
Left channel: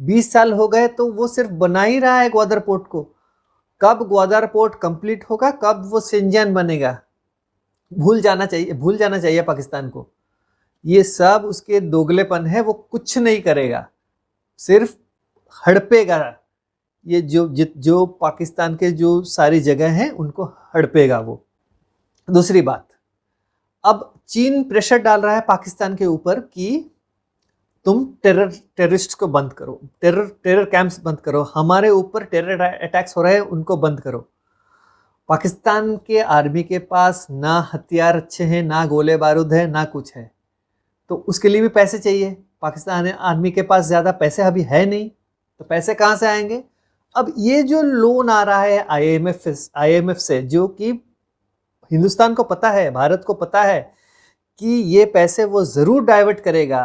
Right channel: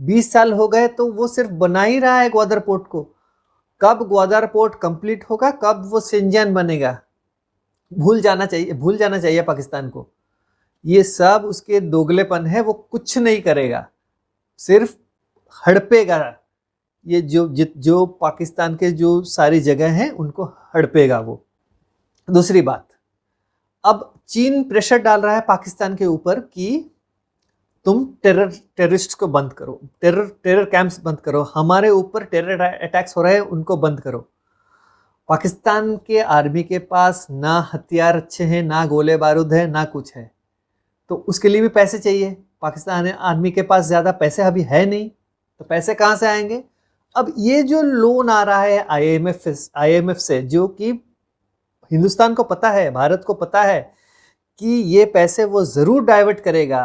20 साल हो गए तो वो सिर्फ बना ही रहा है ग्वादर पोर्ट को। कब ग्वादर पोर्ट कंप्लीट होगा, कब वो शेंजन बनेगा, भूल जाना चाहिए पाकिस्तान को। ये सब उसके दोगलेपन है, वो कुछ नहीं करेगा, सिर्फ हड़पेगा। ये जो पाकिस्तान के जो सारी जगह हैं उनको हड़पेगा वो। दूसरी बात, अब चीन प्रेशर डाल रहा है पाकिस्तान के ऊपर कि तुम टेररिस्ट को बंद करो, टेरर कैंप्स बंद करो, हमारे ऊपर टेरर अटैक्स हो रहे हैं उनको बंद करो। पाकिस्तान के आर्मी के पास ना हथियार अच्छे हैं, ना गोले बारूद है, ना कुछ है, तो उसके लिए भी पैसे चाहिए। पाकिस्तान आर्मी के पास ज़्यादा पैसे अभी है नहीं, तो पैसे कहाँ से आएंगे? अब ये जो लोन आ रहा है IMF से, जो कि हिंदुस्तान को पता है, भारत को पता है कि ये पैसे वो ज़रूर डाइवर्ट करेगा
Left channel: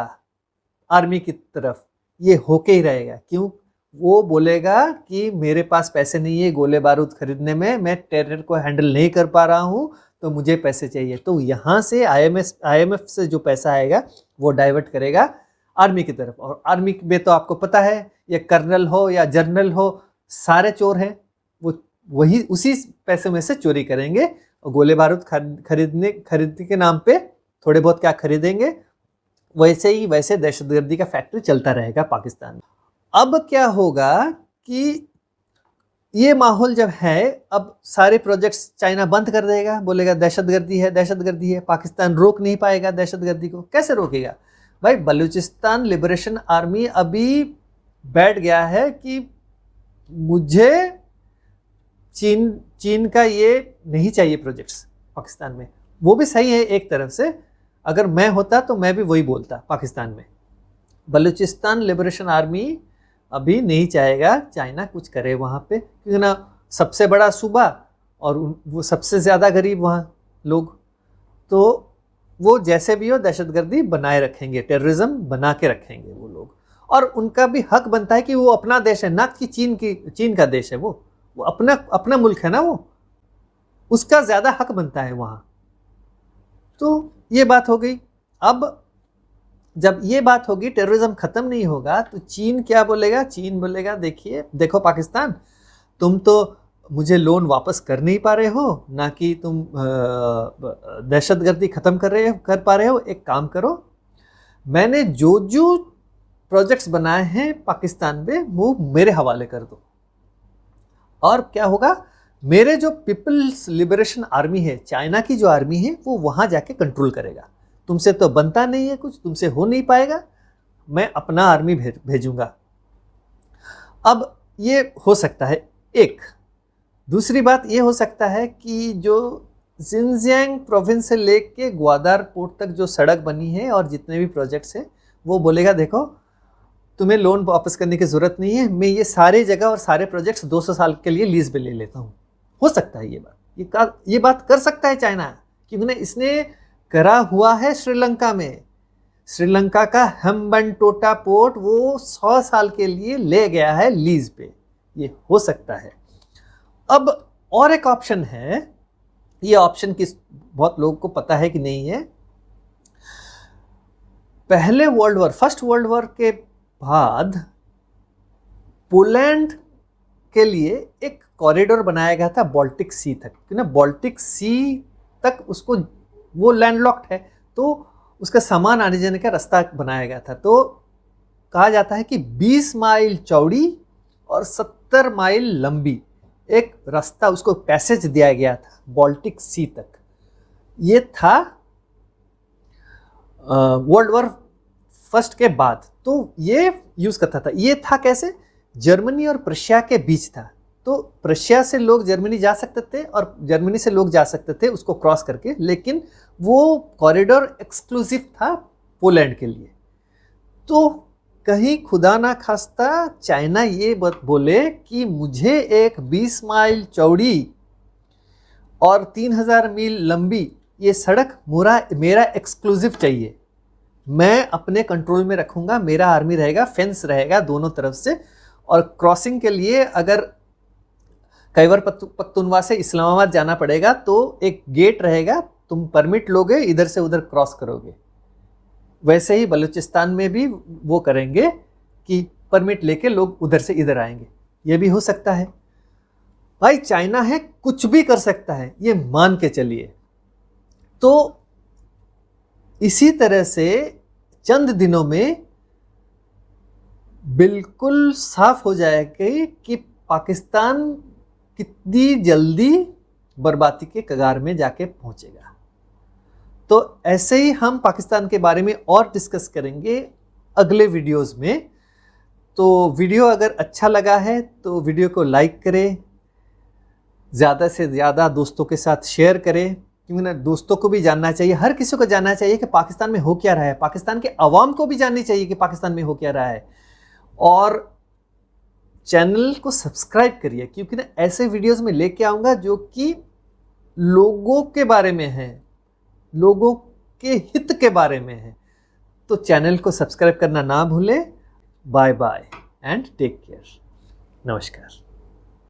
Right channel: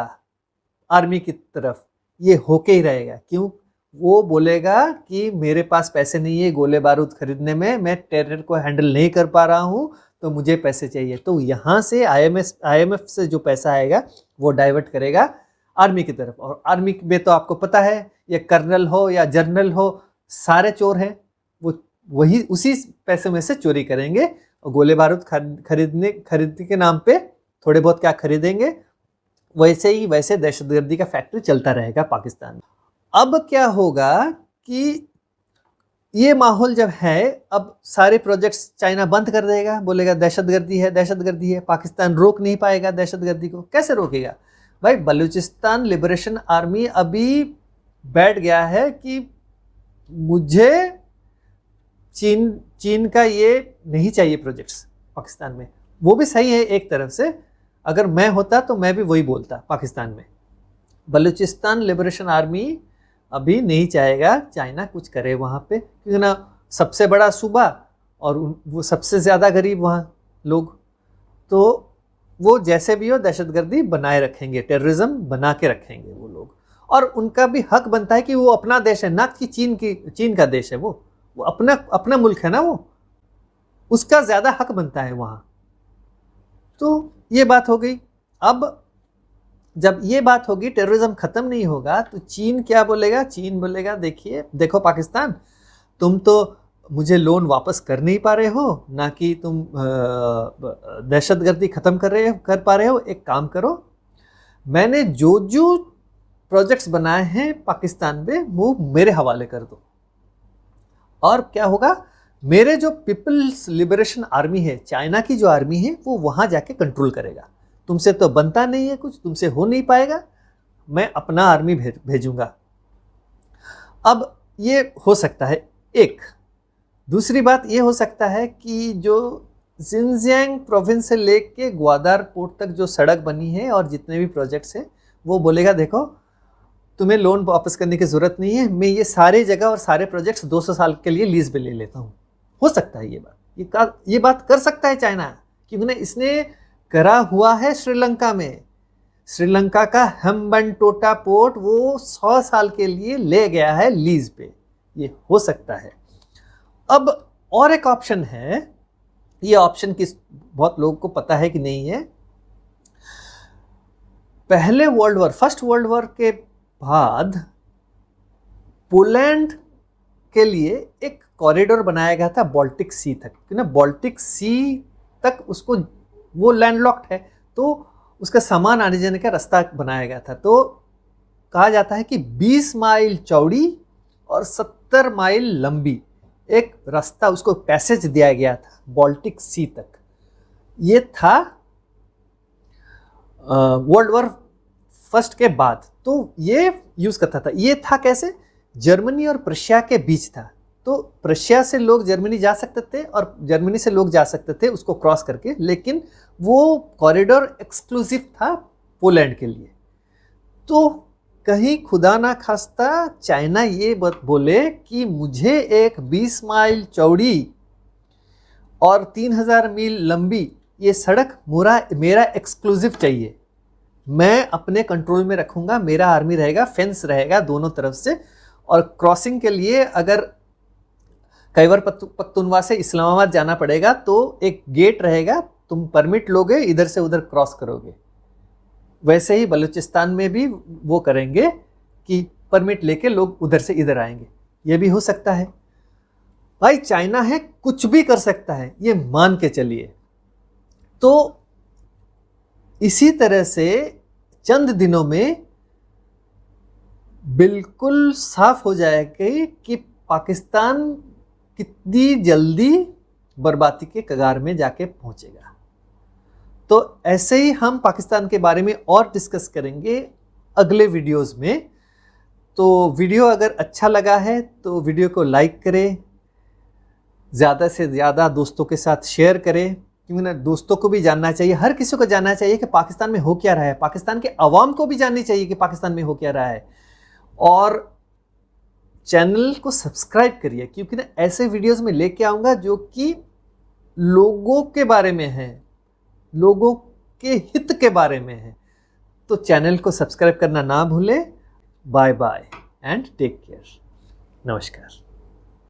आर्मी की तरफ, ये होके ही रहेगा। क्यों? वो बोलेगा कि मेरे पास पैसे नहीं है गोले बारूद खरीदने में, मैं टेरर को हैंडल नहीं कर पा रहा हूँ, तो मुझे पैसे चाहिए। तो यहाँ से IMF से जो पैसा आएगा वो डाइवर्ट करेगा आर्मी की तरफ। और आर्मी में तो आपको पता है, ये कर्नल हो या जनरल हो, सारे चोर हैं। वो वही उसी पैसे में से चोरी करेंगे और गोले बारूद खरीदने के नाम पे थोड़े बहुत क्या खरीदेंगे, वैसे दहशतगर्दी का फैक्ट्री चलता रहेगा पाकिस्तान में। अब क्या होगा कि ये माहौल जब है, अब सारे प्रोजेक्ट्स चाइना बंद कर देगा, बोलेगा दहशतगर्दी है। पाकिस्तान रोक नहीं पाएगा दहशतगर्दी को। कैसे रोकेगा भाई? बलूचिस्तान लिबरेशन आर्मी अभी बैठ गया है कि मुझे चीन का ये नहीं चाहिए प्रोजेक्ट्स पाकिस्तान में। वो भी सही है एक तरफ से, अगर मैं होता तो मैं भी वही बोलता पाकिस्तान में। बलूचिस्तान लिबरेशन आर्मी अभी नहीं चाहेगा चाइना कुछ करे वहाँ पे, क्योंकि ना सबसे बड़ा सूबा और वो सबसे ज़्यादा गरीब वहाँ लोग, तो वो जैसे भी हो दहशतगर्दी बनाए रखेंगे, टेररिज्म बना के रखेंगे वो लोग। और उनका भी हक बनता है कि वो अपना देश है, ना कि चीन का देश है। वो अपना मुल्क है ना, वो उसका ज़्यादा हक बनता है वहाँ। तो ये बात हो गई। अब जब ये बात होगी, टेररिज्म खत्म नहीं होगा, तो चीन क्या बोलेगा? चीन बोलेगा देखो पाकिस्तान, तुम तो मुझे लोन वापस कर नहीं पा रहे हो, ना कि तुम दहशतगर्दी ख़त्म कर पा रहे हो। एक काम करो, मैंने जो जो प्रोजेक्ट्स बनाए हैं पाकिस्तान में वो मेरे हवाले कर दो, और क्या होगा, मेरे जो पीपल्स लिबरेशन आर्मी है, चाइना की जो आर्मी है, वो वहां जाके कंट्रोल करेगा। तुमसे तो बनता नहीं है कुछ, तुमसे हो नहीं पाएगा, मैं अपना आर्मी भेजूंगा। अब ये हो सकता है एक। दूसरी बात ये हो सकता है कि जो जिनजियांग प्रोविंस से लेके ग्वादर पोर्ट तक जो सड़क बनी है और जितने भी प्रोजेक्ट्स हैं, वो बोलेगा देखो तुम्हें लोन वापस करने की ज़रूरत नहीं है, मैं ये सारे जगह और सारे प्रोजेक्ट्स 200 साल के लिए लीज में ले लेता हूँ। हो सकता है ये बात कर सकता है चाइना, कि उन्हें इसने करा हुआ है श्रीलंका में। श्रीलंका का हम्बनटोटा पोर्ट वो 100 साल के लिए ले गया है लीज पे, ये हो सकता है। अब और एक ऑप्शन है, ये ऑप्शन बहुत लोगों को पता है कि नहीं है। पहले world war, first world war के बाद पोलैंड के लिए एक कॉरिडोर बनाया गया था बाल्टिक सी तक, ना बाल्टिक सी तक उसको, वो लैंडलॉक्ड है, तो उसका सामान आने जाने का रास्ता बनाया गया था। तो कहा जाता है कि 20 माइल चौड़ी और 70 माइल लंबी एक रास्ता, उसको पैसेज दिया गया था बाल्टिक सी तक। ये था वर्ल्ड वॉर फर्स्ट के बाद, तो ये यूज करता था। ये था कैसे, जर्मनी और प्रशिया के बीच था, तो प्रशिया से लोग जर्मनी जा सकते थे और जर्मनी से लोग जा सकते थे उसको क्रॉस करके, लेकिन वो कॉरिडोर एक्सक्लूसिव था पोलैंड के लिए। तो कहीं खुदा ना खास्ता चाइना ये बात बोले कि मुझे एक 20 माइल चौड़ी और 3000 मील लंबी ये सड़क मेरा एक्सक्लूसिव चाहिए, मैं अपने कंट्रोल में रखूंगा, मेरा आर्मी रहेगा, फेंस रहेगा दोनों तरफ से, और क्रॉसिंग के लिए अगर खैबर पख्तूनख्वा से इस्लामाबाद जाना पड़ेगा तो एक गेट रहेगा, तुम परमिट लोगे, इधर से उधर क्रॉस करोगे। वैसे ही बलूचिस्तान में भी वो करेंगे कि परमिट लेके लोग उधर से इधर आएंगे। ये भी हो सकता है। भाई चाइना है, कुछ भी कर सकता है, ये मान के चलिए। तो इसी तरह से चंद दिनों में बिल्कुल साफ हो जाएगा कि पाकिस्तान कितनी जल्दी बर्बादी के कगार में जाके पहुंचेगा। तो ऐसे ही हम पाकिस्तान के बारे में और डिस्कस करेंगे अगले वीडियोस में। तो वीडियो अगर अच्छा लगा है तो वीडियो को लाइक करें, ज़्यादा से ज़्यादा दोस्तों के साथ शेयर करें, क्योंकि ना दोस्तों को भी जानना चाहिए, हर किसी को जानना चाहिए कि पाकिस्तान में हो क्या रहा है, पाकिस्तान के अवाम को भी जाननी चाहिए कि पाकिस्तान में हो क्या रहा है। और चैनल को सब्सक्राइब करिए, क्योंकि ना ऐसे वीडियोस में लेके आऊँगा जो कि लोगों के बारे में है, लोगों के हित के बारे में है। तो चैनल को सब्सक्राइब करना ना भूलें। Bye bye and take care. नमस्कार।